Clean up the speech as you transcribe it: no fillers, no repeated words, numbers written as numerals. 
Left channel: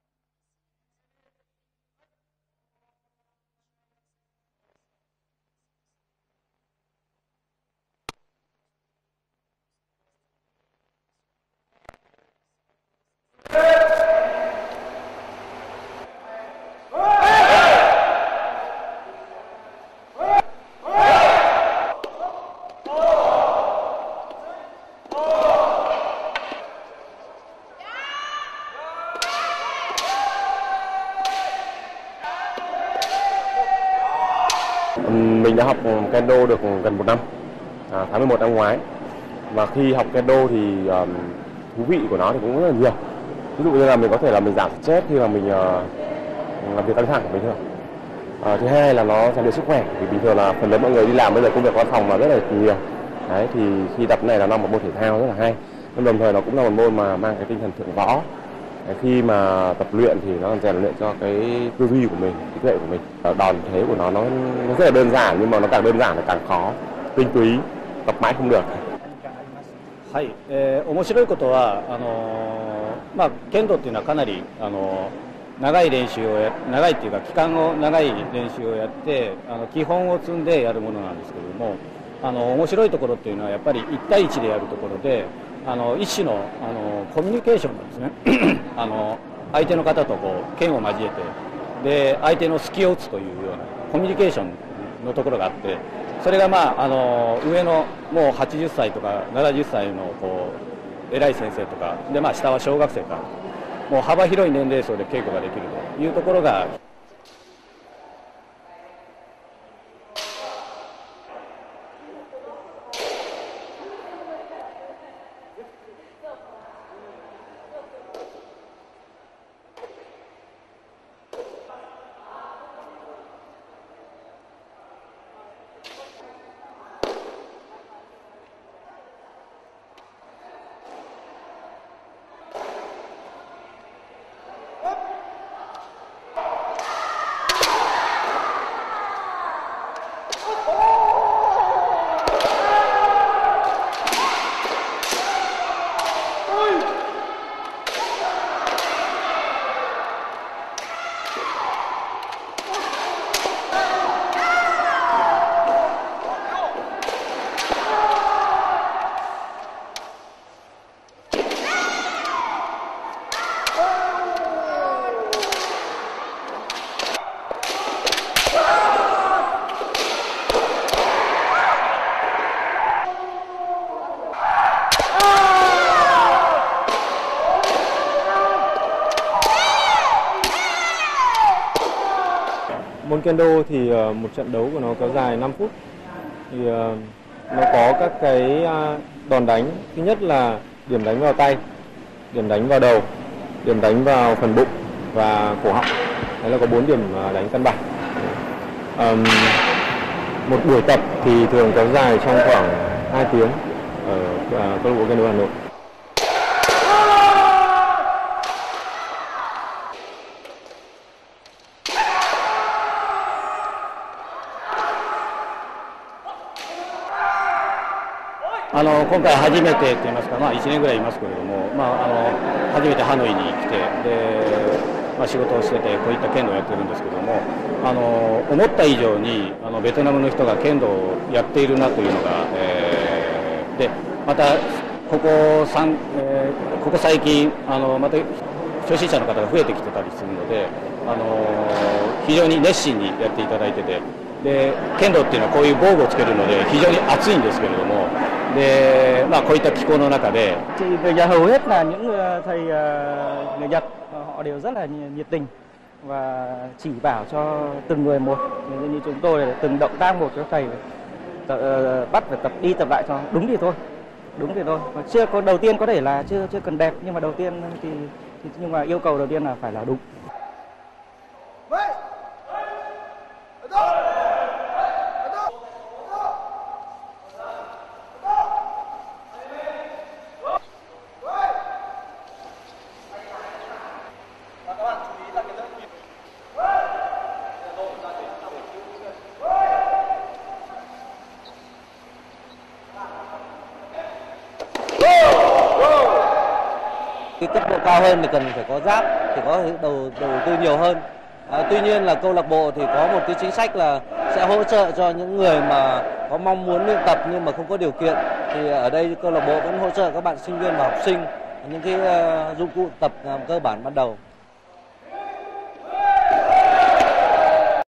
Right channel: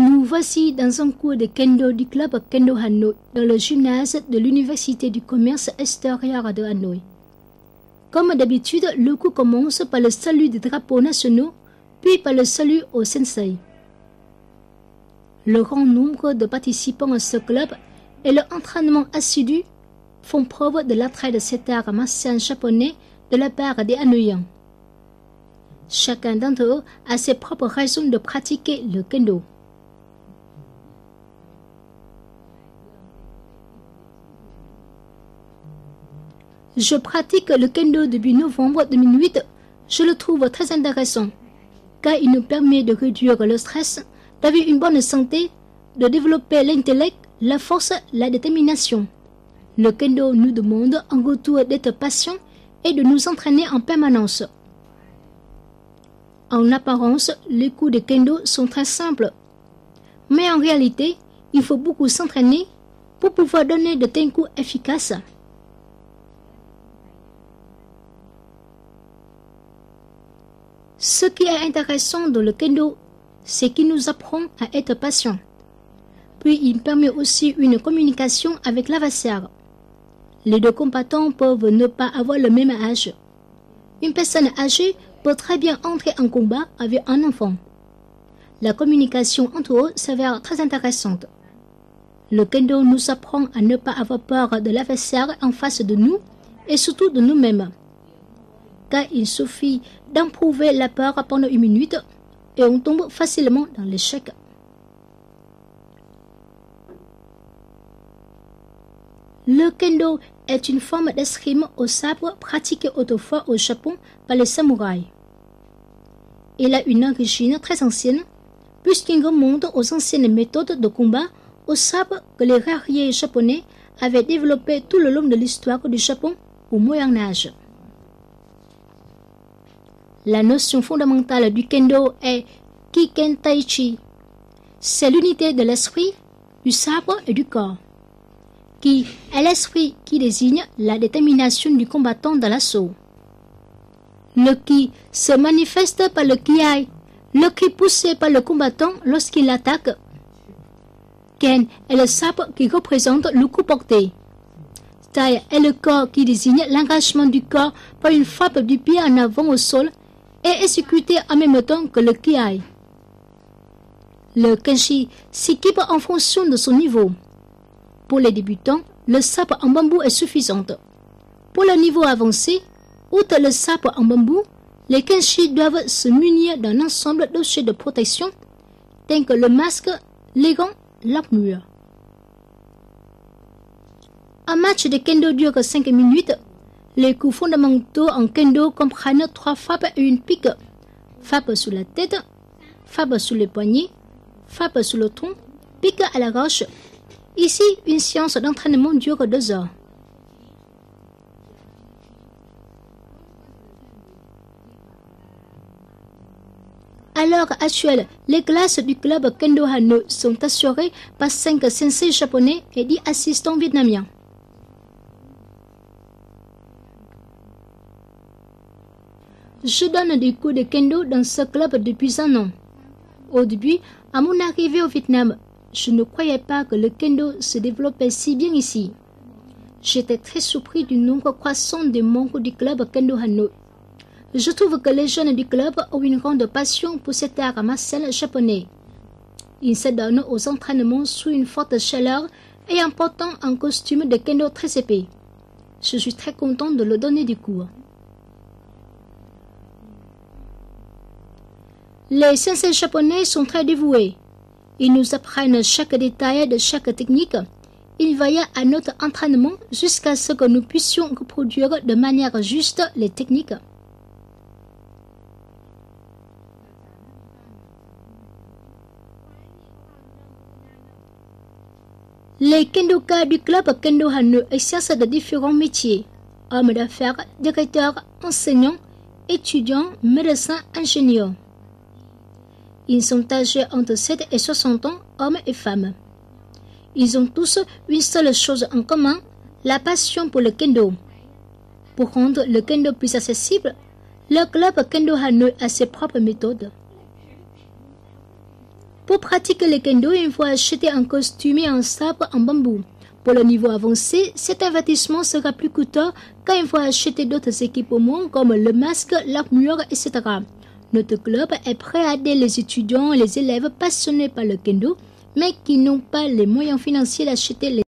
Nous voici dans un cours de kendo du club Kendo Hanoï, dans le gymnase de l'Université du commerce extérieur de Hanoï. Comme d'habitude, le cours commence par le salut des drapeaux nationaux, puis par le salut au sensei. Le grand nombre de participants au secteur et l'entraînement assidu font preuve de l'attrait de cet art martial japonais de la part des Hanoïens. Chacun d'entre eux a ses propres raisons de pratiquer le kendo. Je pratique le kendo depuis novembre 2008. Je le trouve très intéressant, car il nous permet de réduire le stress, d'avoir une bonne santé, de développer l'intellect, la force, la détermination. Le kendo nous demande de d'être patient et de nous entraîner en permanence. En apparence, les coups de kendo sont très simples, mais en réalité, il faut beaucoup s'entraîner pour pouvoir donner de tels coups efficaces. Ce qui est intéressant dans le kendo, c'est qu'il nous apprend à être patient. Puis il permet aussi une communication avec l'adversaire. Les deux combattants peuvent ne pas avoir le même âge. Une personne âgée peut très bien entrer en combat avec un enfant. La communication entre eux s'avère très intéressante. Le kendo nous apprend à ne pas avoir peur de l'adversaire en face de nous et surtout de nous-mêmes. Car il suffit d'emprouver la peur pendant une minute et on tombe facilement en échec. Le kendo est une forme d'escrime au sabre pratiquée autrefois au Japon par les samouraïs. Il a une origine très ancienne puisqu'il remonte aux anciennes méthodes de combat au sabre que les guerriers japonais avaient développé tout le long de l'histoire du Japon au Moyen-Âge. La notion fondamentale du kendo est Kiken Taichi. C'est l'unité de l'esprit, du sabre et du corps. Ki est l'esprit qui désigne la détermination du combattant dans l'assaut. Le ki se manifeste par le kiai, le cri poussé par le combattant lorsqu'il attaque. Ken est le sabre qui représente le coup porté. Tai est le corps qui désigne l'engagement du corps par une frappe du pied en avant au sol et exécuté en même temps que le kiai. Le kenshi s'équipe en fonction de son niveau. Pour les débutants, le sabre en bambou est suffisant. Pour le niveau avancé, outre le sabre en bambou, les kenshi doivent se munir d'un ensemble d'objets de protection tels que le masque, les gants, l'armure. Un match de kendo dure 5 minutes. Les coups fondamentaux en kendo comprennent 3 frappes et une pique. Frappe sur la tête, frappe sur les poignets, frappe sur le tronc, pique à la roche. Ici, une séance d'entraînement dure 2 heures. Một buổi tập thì thường kéo dài trong khoảng 2 tiếng ở câu lạc bộ Kendo Hà Nội. À l'heure actuelle, les classes du club Kendo Hanoï sont assurées par 5 sensei japonais et 10 assistants vietnamiens. Je donne des cours de kendo dans ce club depuis 1 an. Au début, à mon arrivée au Vietnam, je ne croyais pas que le kendo se développait si bien ici. J'étais très surpris du nombre croissant des membres du club Kendo Hanoï. Je trouve que les jeunes du club ont une grande passion pour cet art martial japonais. Ils s'adonnent aux entraînements sous une forte chaleur et en portant un costume de kendo très épais. Les sensei japonais sont très dévoués. Ils nous apprennent chaque détail de chaque technique. Ils veillent à notre entraînement jusqu'à ce que nous puissions reproduire de manière juste les techniques. Đúng thì thôi. Chưa có đầu tiên có thể là chưa cần đẹp nhưng mà đầu tiên nhưng mà yêu cầu đầu tiên là phải là đúng. Les kendoka du club Kendo Hanoï exercent de différents métiers: hommes d'affaires, directeurs, enseignants, étudiants, médecins, ingénieurs. Ils sont âgés entre 7 et 60 ans, hommes et femmes. Ils ont tous une seule chose en commun, la passion pour le kendo. Pour rendre le kendo plus accessible, le club Kendo Hanoï a ses propres méthodes. Pour pratiquer le kendo, il faut acheter un costume et un sabre en bambou. Pour le niveau avancé, cet avertissement sera plus coûteux car il faut acheter d'autres équipements comme le masque, l'armure, etc. Notre club est prêt à aider les étudiants et les élèves passionnés par le kendo, mais qui n'ont pas les moyens financiers d'acheter les